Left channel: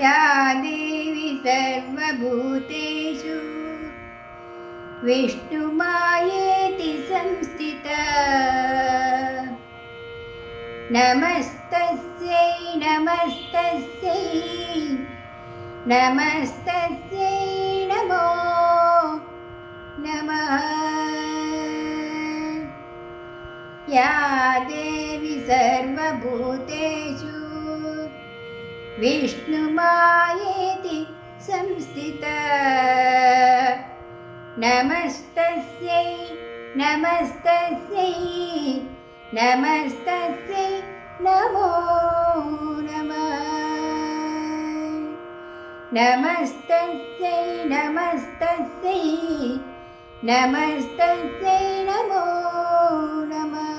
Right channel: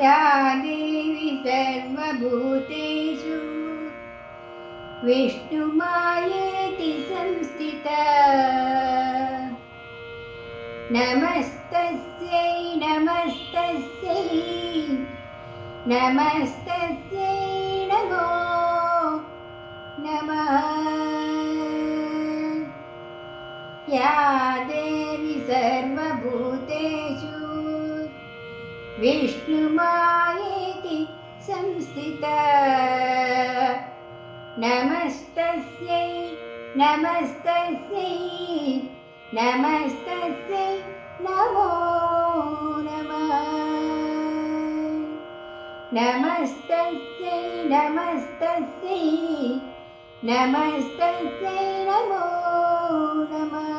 या देवी सर्वभूतेषु नमस्तस्यै नमस्तस्यै नमस्तस्यै नमो नमः। या देवी सर्वभूतेषु विष्णुमायेति संस्थिता नमस्तस्यै नमस्तस्यै नमस्तस्यै नमो नमः। नमस्तस्यै नमस्तस्यै नमस्तस्यै नमो नमः।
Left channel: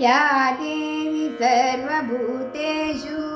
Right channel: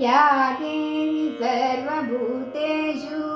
या देवी सर्वभूतेषु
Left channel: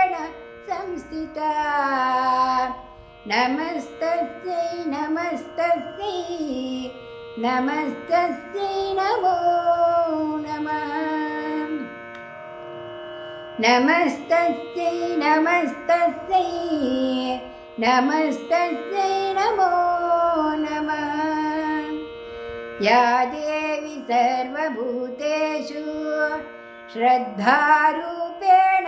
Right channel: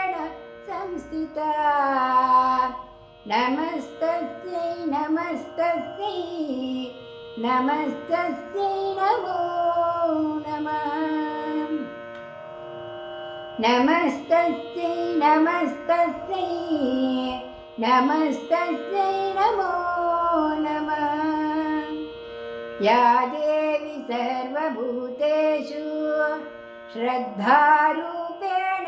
नमस्तस्यै नमस्तस्यै नमस्तस्यै नमो नमः। नमस्तस्यै नमस्तस्यै नमस्तस्यै नमो नमः। या देवी सर्वभूतेषु श्रद्धारूपेण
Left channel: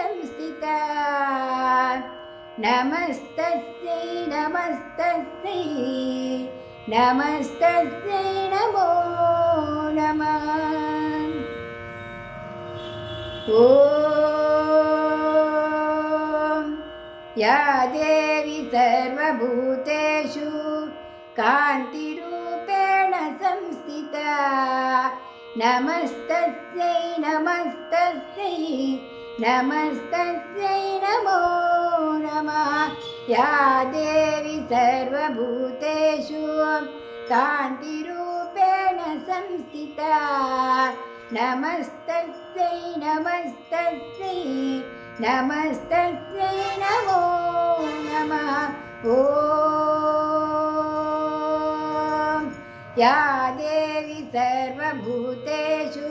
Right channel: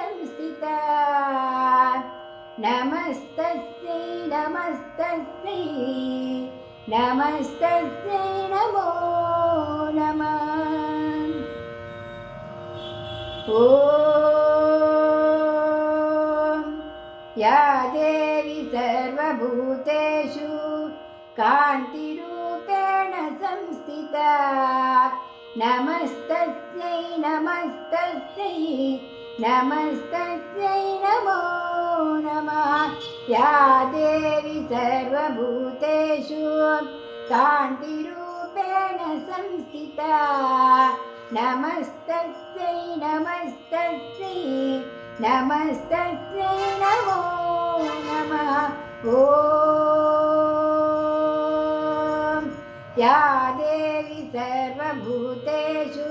संस्थिता नमस्तस्यै नमस्तस्यै नमस्तस्यै नमो नमः ॐ या देवी सर्वभूतेषु कान्तिरूपेण संस्थिता नमस्तस्यै नमस्तस्यै नमस्तस्यै नमो नमः। या देवी सर्वभूतेषु कान्तिरूपेण संस्थिता। नमस्तस्यै नमस्तस्यै नमस्तस्यै नमो नमः। या देवी सर्वभूतेषु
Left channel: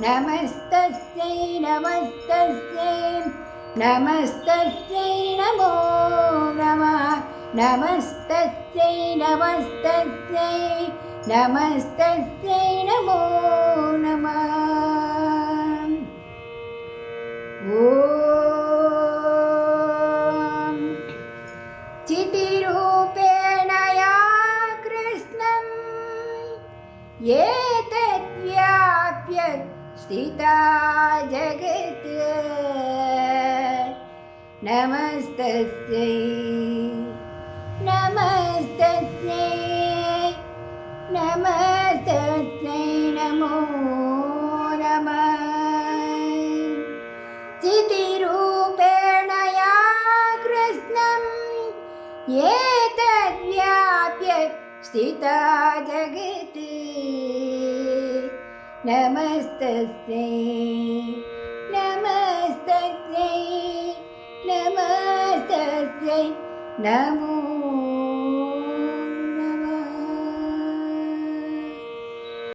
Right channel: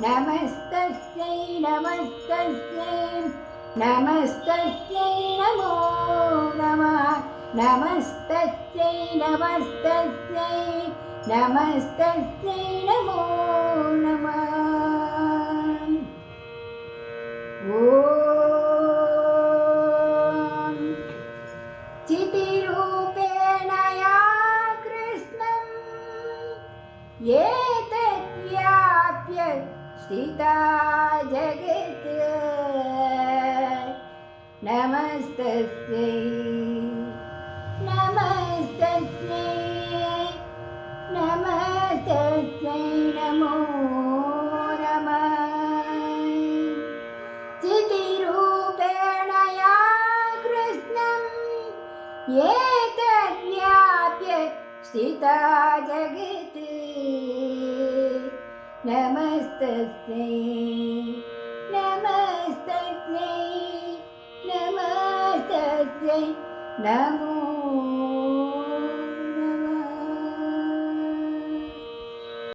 नमस्तस्यै नमस्तस्यै नमस्तस्यै नमो नमः। नमस्तस्यै नमस्तस्यै नमस्तस्यै नमो नमः। ॐ चितिरूपेण या कृष्णम्। एतद्व्याप्य स्थिता जगत्। नमस्तस्यै। नमस्तस्यै। नमो नमः। चितिरूपेण या कृष्णम् एतद्व्याप्य स्थिता जगत् नमस्तस्यै नमस्तस्यै नमस्तस्यै नमो